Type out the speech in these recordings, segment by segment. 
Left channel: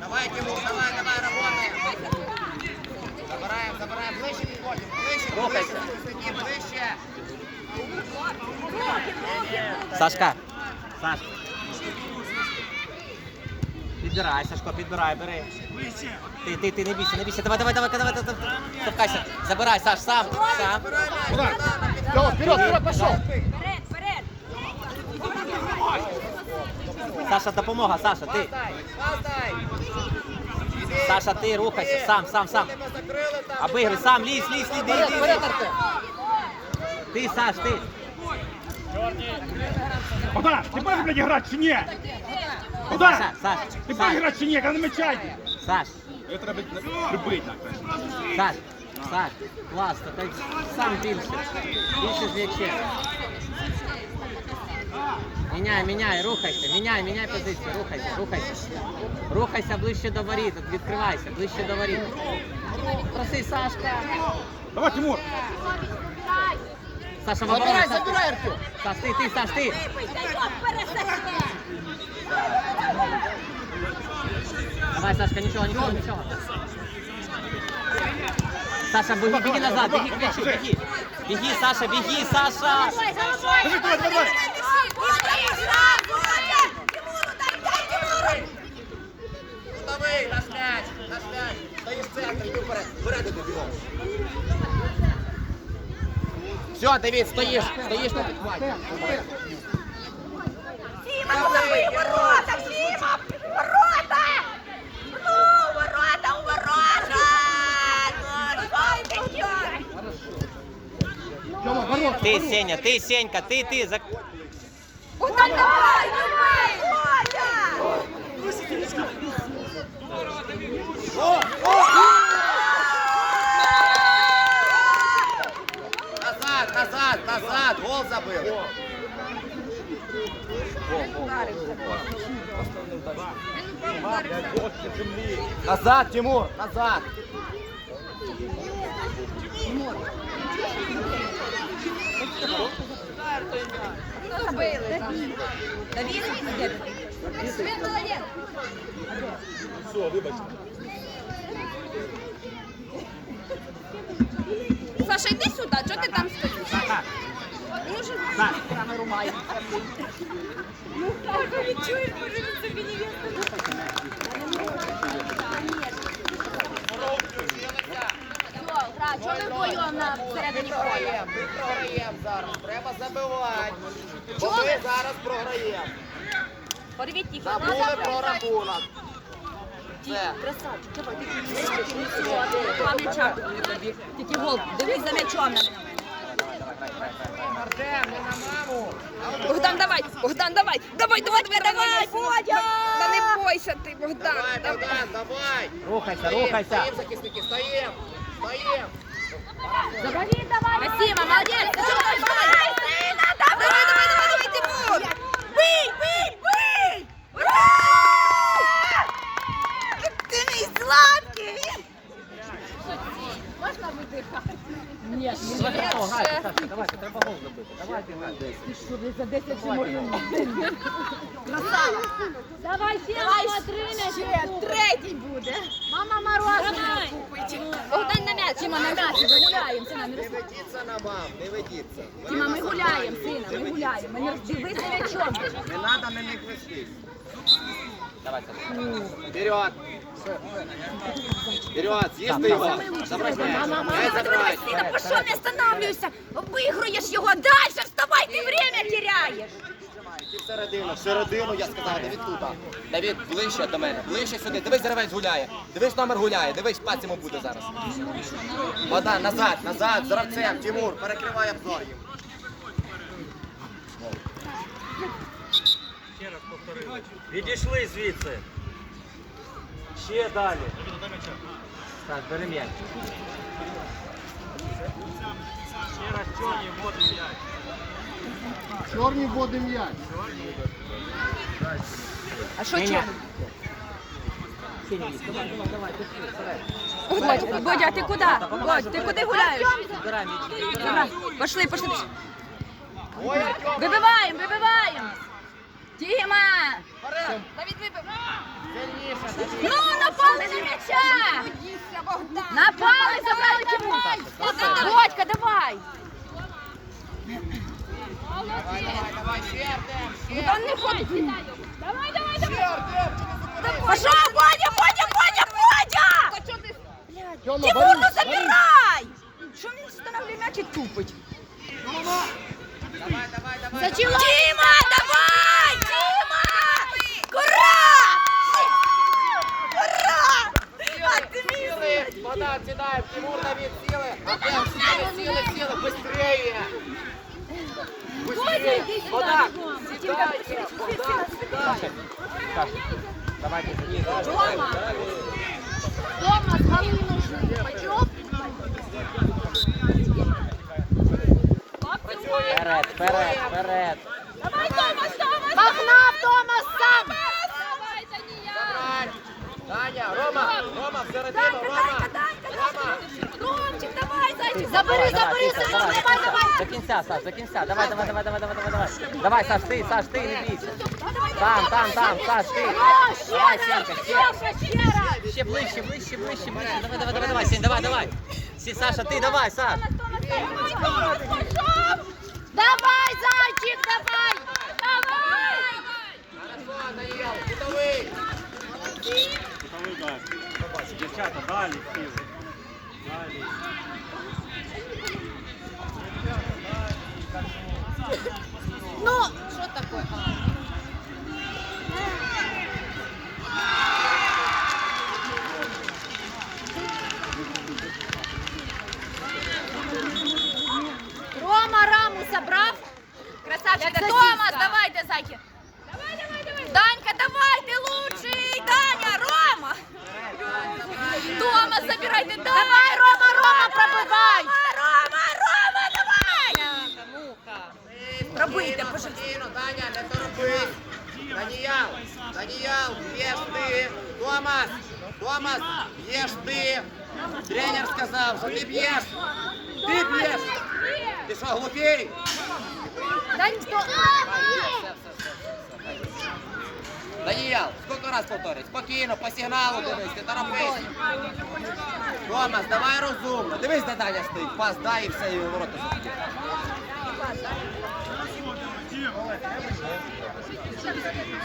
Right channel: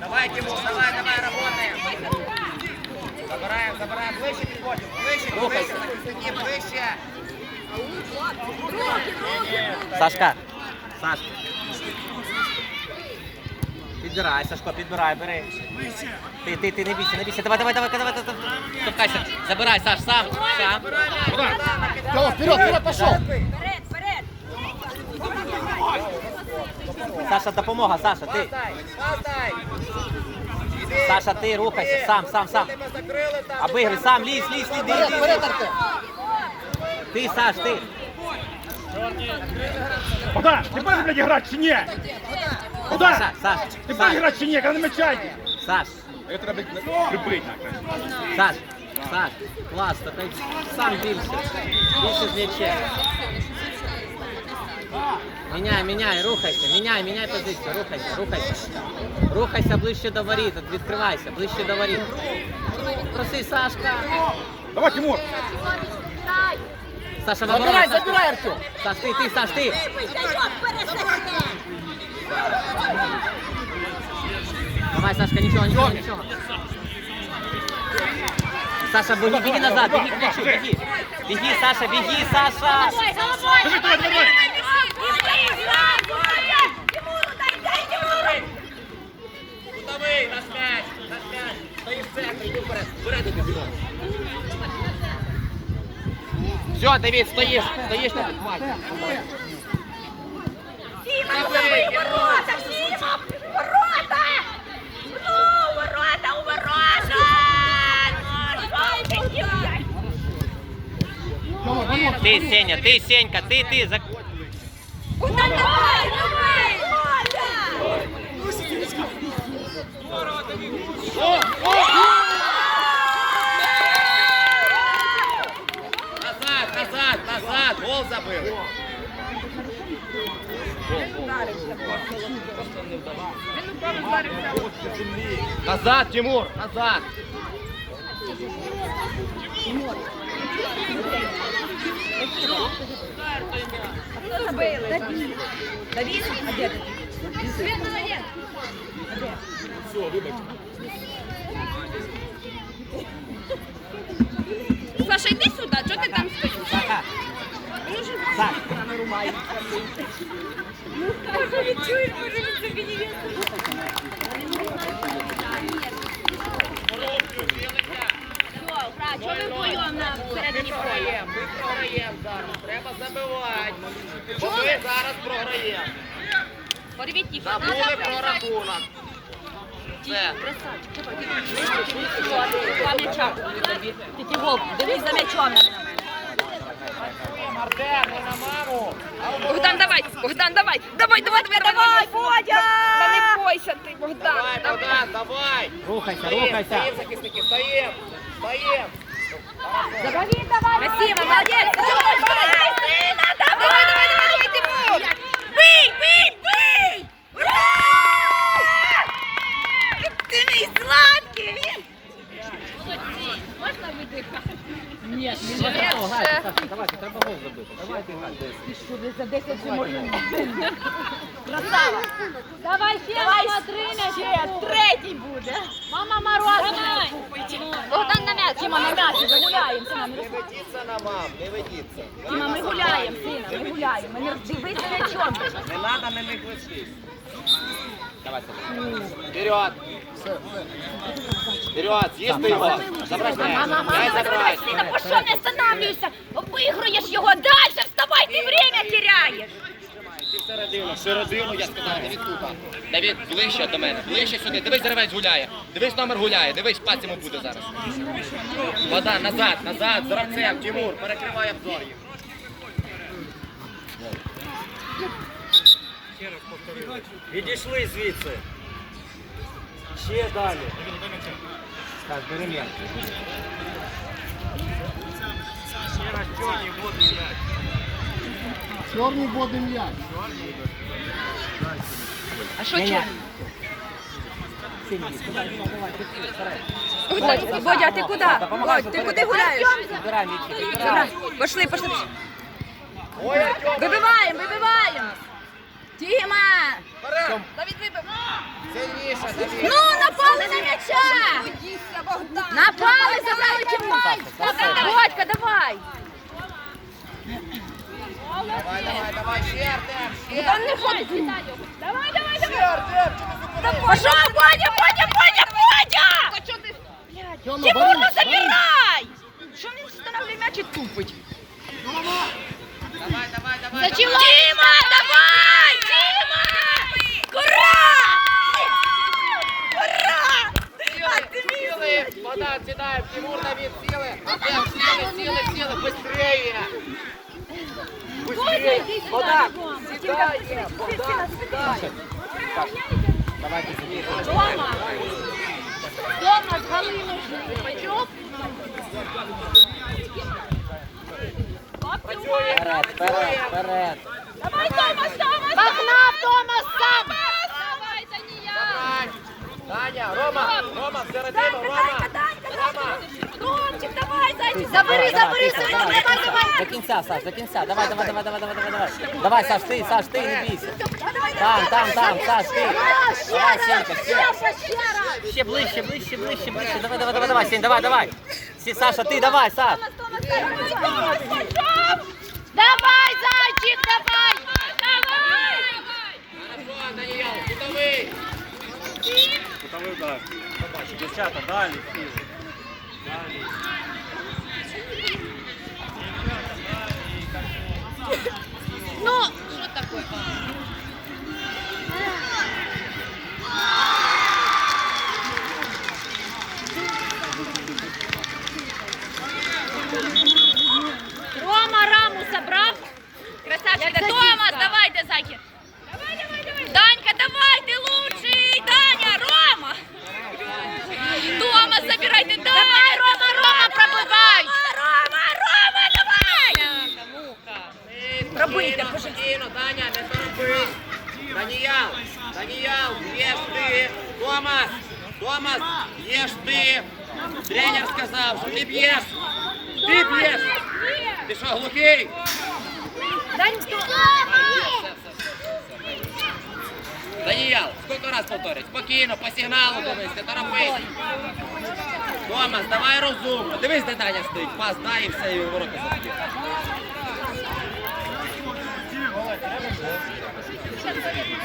Давай, Тимур, давай, давай, работаем. Забираем, забираем. Ближче, ближче, захисники, ближче. Сашка. Саш. Підбирай, Сашко, підбирай, бери. Ти, ти, ти, не бійся, не бійся. Давай, давай, давай, давай, давай. Забирай, Саш, сам. Сам. Вперед, вперед, пошел. Вперед, вперед. Саша, допомога, Саша, ти. Саша, ти рухайся, сам, сам, сам. Обигри, сам, лізь, лізь, лізь, лізь, лізь. Ти, Саш, ти. Богдан, ти будеш, блядь, грати чи ні? Саша, Саш, ти будеш Саш, грати чи ні, коли не мечайте? Саш, Это треба прибити. Саш, Саш, клас, то ти сам більше. Більше з м'ячем. Міняй, міняй, рухайся, міняй, міняй позицію, рухайся, рухайся. Рухайся ближче до воріт, відкривайся, ближче до воріт. Проси, Сашка. Давай, Тимур. Саша, Забирай, вибирай, забирай, Артем. Саш, ти, ти, Саш, ти. Давай, Сашка, нічого, нічого, нічого. Саша, беги, беги назад, беги к мячу, беги. Беги, Саша, беги, Саша. Давай, давай. Давай, Все, Давид, стоишь, стоишь на підхваті. Ворота, Сіма! Ворота! Ну, ворота, у ворота! Давай, ворота, Ты, ворота. Сеня, ты, Сенька, ты, ты. За... Назад, Тимур, назад. Все, вибачте. Саша, йди сюди, чого ти там стоїш? Саха, Ну. Ну, так, ви чуєте, може, він собі не є. Все, ми вдвоєм на всередині поля? Програємо, ми програємо зараз. Треба забивати. Бо ми зараз програємо. Порвіть їх. Забули про рахунок. Красавчик, давай, ти Два. Тільки гол, дивись за м'ячом на мене. Артем, не на маму. Богдан, давай, Богдан, давай, давай, давай, давай, давай, Бодя! Та не бойся ти, Богдан. Давай, Богдан, давай. Рухайся, рухайся. стоїм, захисники, стоїм. Стоїм. Красиво, молодець! Давай, давай, давай, давай, давай, давай, Тимур! Бий, бий, бий! Ти мій сладкий! Можна видихати? Ні, грайте, Саша, давайте, за 10 вже можна? Красава. Давай ще, мама, три Ще, третій буде. Мама, мороженое купить. Богдан на м'яч, Тіма, на гуляємо, сина. Не ведіться на мам, не ведіться. Тіма, ми гуляємо, сина, ми гуляємо. Не дивись на чому. Не треба на них вести. Вперед. Вперед, з'їсти його. Забрать м'яч. М'яч забрать. Сина, по що не останавливайся? Виграєш його, дальше вставай, ти время теряєш. Ти всередину, всередину, я сказав, Давід тут. Давід, ближче до мене, ближче сюди. Дивись, деревець гуляє. Дивись, номер гуляє. Дивись, пас йому буде зараз. Вода, назад, назад, з гравцем, Тимур, перекривай обзор. Відійшли звідси. Ще далі. Так, бери м'яч. Ще раз чорні водний м'яч. Чорний водний м'яч. А що чорний? Давай, давай, давай. Бодя, ти куди? Бодь, ти куди гуляєш? Пошли, пошли. Вибиваємо, вибиваємо. Тіма! Сильніше, Ну, напали на м'яча! Напали, забрали Тимур! Бодька, давай! Давай, давай, давай, ще, Артем, ще. Там не ходить! Давай, давай, Ще, давай! Артем, чи не Пошел, Бодя, Бодя, Бодя, Бодя! Тимур, ну забирай! Що він встановлює м'яч і тупить? Давай, давай, давай. Зачем? Давай! Дима! Ура! Ура! Силы, вода, седает, Тимур, Давид, силы. Артем, силы, силы, силы, быстрее. Быстрее, вода, седайте. До кінця, Саш, до кінця. Давай, давай, давай, давай, давай, давай, давай. Давай, Саш, ти, Саш, ти, не бійся. Там, там, там, Саш, ти. Давай, Сенька, ще. Ще, ще раз! Ще ближче, ближче, ближче, ближче. Давай, давай, давай, давай, Сень, давай, давай. Сі, Саша, ти, давай, Саш. Давай, зайчик, давай! Давай! Кутовий удар. Дівчата. Далі. Рома раму забрав. Красавчик, Томас, давайте, зайки. Давай, давай, давай. Данька, давай, ты лучший. Даня, Рома. Томас, забирайте, Давай, Рома, Рома, пробивай. Рома, Рома, давай. Пробийте, торопись. Даніял, Даніял, б'єш ти. Томас, Томас, б'єш ти. Тренер сказав, що ти б'єш. Ти б'єш. Ти що, глухий? Даніял, скільки раз повторить? Спокійно, по сигналу дивись, не торопись. Томас, давай розумно. Дивись, де Даня стоїть. Пас, дай і все, і ворота заб'є.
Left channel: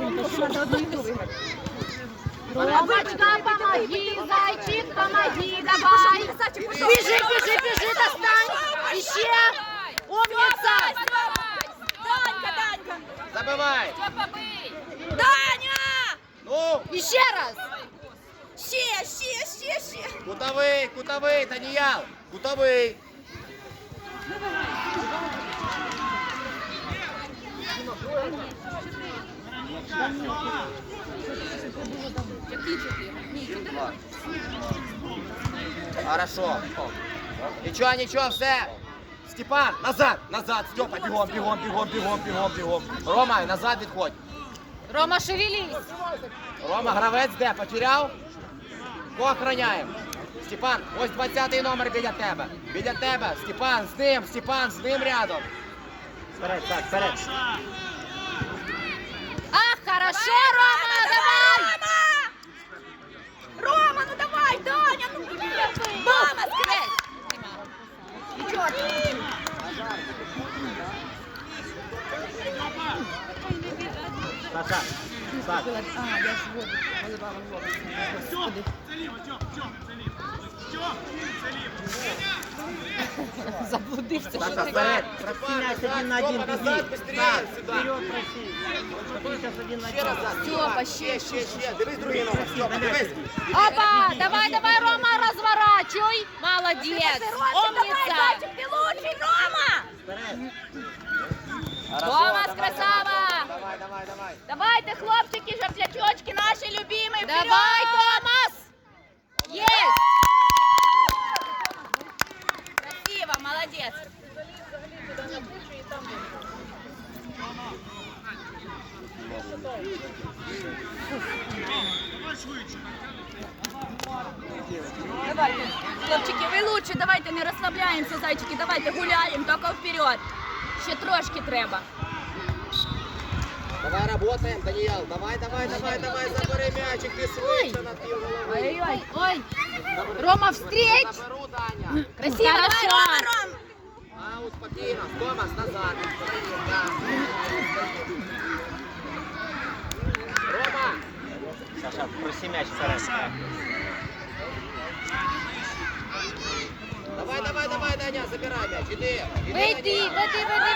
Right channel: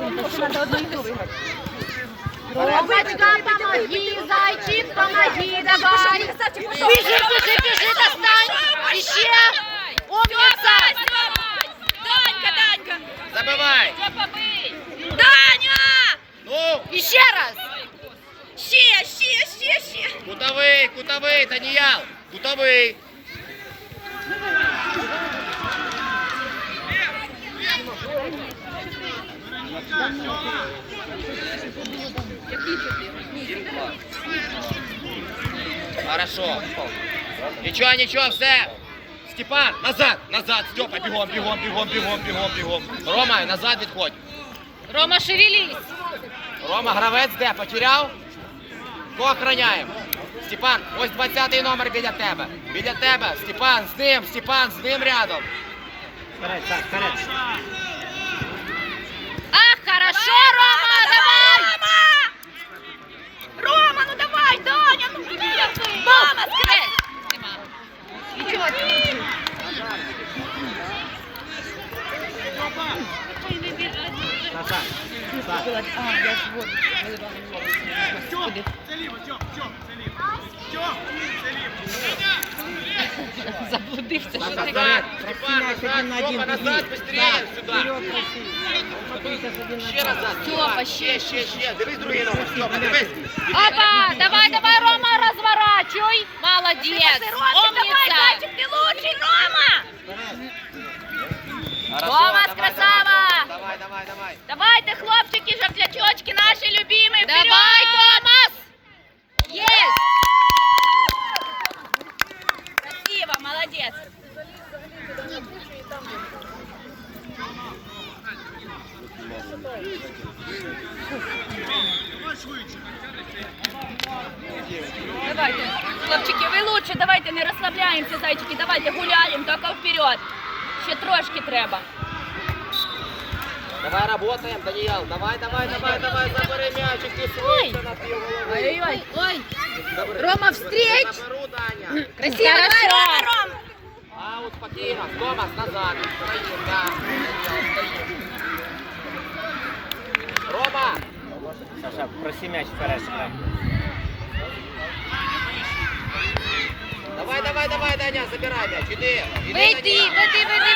Ромочка, Забивай. Даня. Ну, Еще раз. Ще, ще, ще, ще. кутовий, кутовий, Даніял. Кутовий. Хорошо. Нічого, нічого, все. Степан, назад, назад, Степа, бігом, бігом, бігом, бігом, бігом, бігом. Рома, назад відходь. Рома, шевелись! Рома, гравець де? Потеряв? Кого охороняємо? Степан, ось 20-й номер біля тебе. Біля тебе. Степан, з ним, Степан, з ним рядом. Вперед, так, вперед. А, хорошо, Рома, давай. Рома, ну давай, Даня, ну блин. Мама, скрыть. Ничего ты. Саша, Саша. Заблудився. Саша, вперед. Степан, Просиняйся один на один, Степа, беги. назад, быстрее, Так, сюда. вперед, проси. Просись один на Ще один. назад. Степа, ще, ще, ще. Дивись другий номер. Степа, дивись. Опа! Давай, давай, Рома, разворачивай! Молодец! Давай, Умница! зайчик, ты лучший, Рома. Вперед. Хорошо, Томас, давай, красава! Давай, давай, давай. Давайте, хлопчики, жовтлячочки, наши любимые, Давай, Томас! Есть! молодец. Давайте, хлопчики, ви лучше, давайте не розслабляємося, зайчики, давайте гуляємо, тільки вперед. Ще трошки треба. Давай работаем, Даниэл. Давай, давай, давай, давай, забери мячик, ти швидше на пів голови. Ой-ой, ой. Забери. Рома, встреч! Заберу, Даня. Красиво, давай, Рома, Ром! Аут, спокійно. Томас, назад. Стоїть, да. Рома. Саша, проси мяч зараз. Давай, давай, давай, Даня, забирай м'яч. Іди. Іди, Веди, Даніел. веди, веди,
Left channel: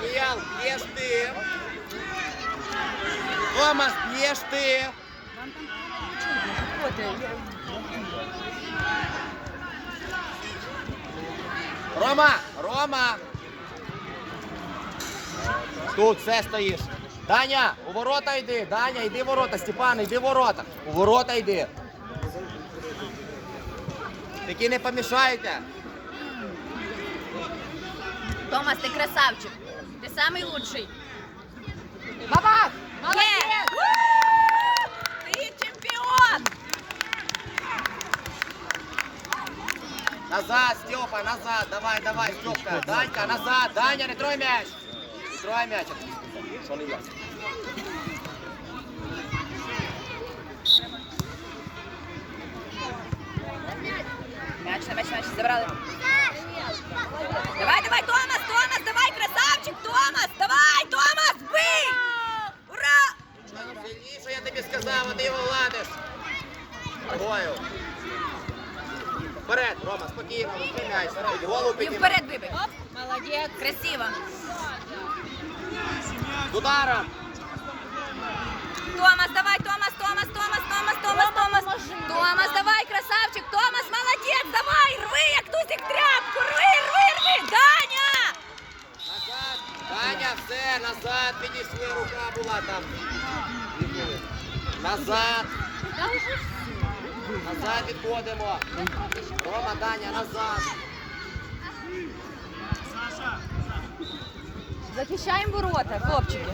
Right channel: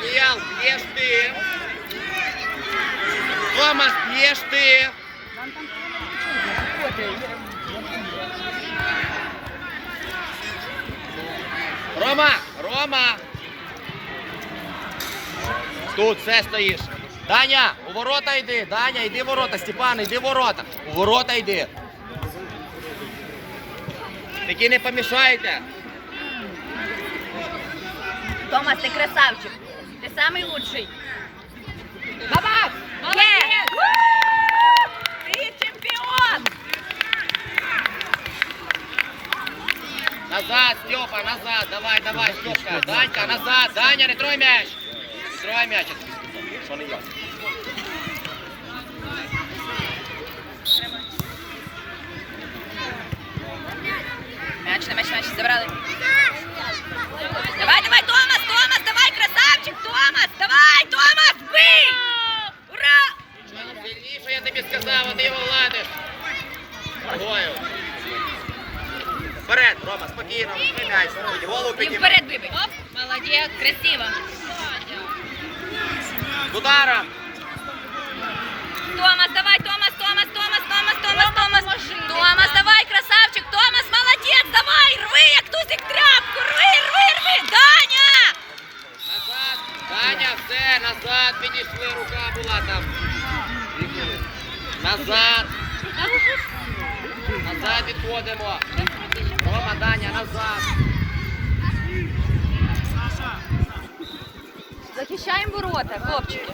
Веди. Даніел, б'єш ти. Томас, б'єш ти. Рома, Рома. Тут все стоїш. Даня, у ворота йди. Даня, йди в ворота. Степан, йди в ворота. У ворота йди. Такі не помішайте. Томас, ты красавчик. Самый лучший. Давай! Молодец! Ты чемпион! Назад, Степа, назад. Давай, давай, Степка. Данька, назад. Даня, не трой м'яч. Трой м'яч. Що не я? Мяч на мяч, мяч забрали. Вперед, Рома, спокійно, м'яч. Голову піднімай. вперед выбей. Оп, молодец, красиво. Ударом. Томас, давай, Томас, Томас, Томас, Томас, Томас, Томас. Томас, давай, красавчик, Томас, молодец, давай, рви, як тузик тряпку, рви, рви, рви, Даня! Назад. Даня, все, назад підійшли, рука була там. Назад. Назад відходимо. Рома, Даня, назад. Захищаємо ворота, хлопчики.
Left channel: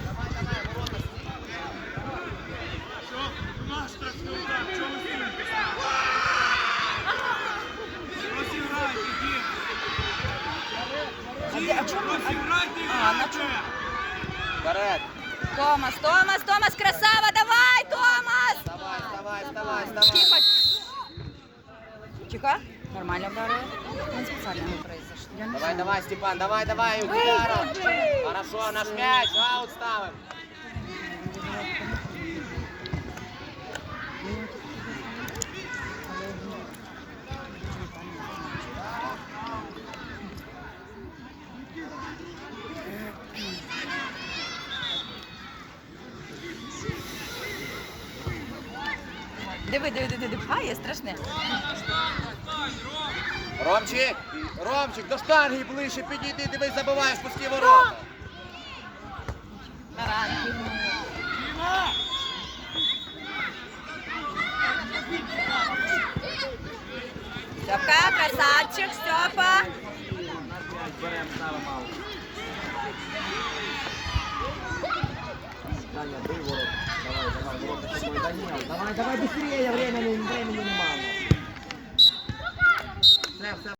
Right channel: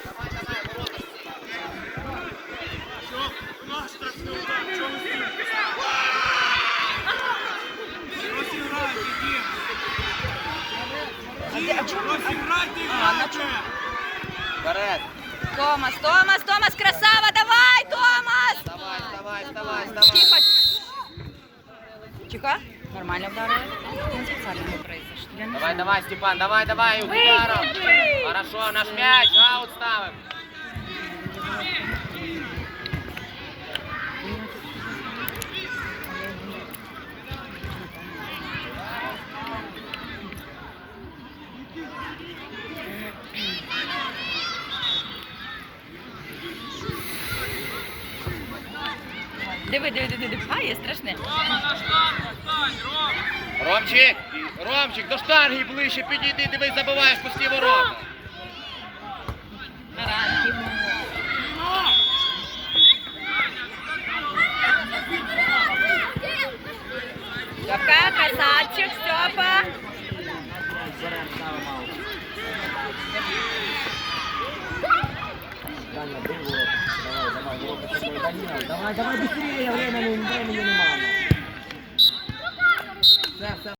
Томас, Томас, Томас, красава, давай, Томас! Давай, давай, давай, давай. Тихо. Тихо. Нормально вдарили. Давай, давай, Степан, давай, давай, ударом. Хорошо, наш мяч, аут ставим. Диви, диви, диви, диви. А, є страшне. Ромчик, Ромчик, до штанги ближче підійди, дивись, забиваєш пусті ворота.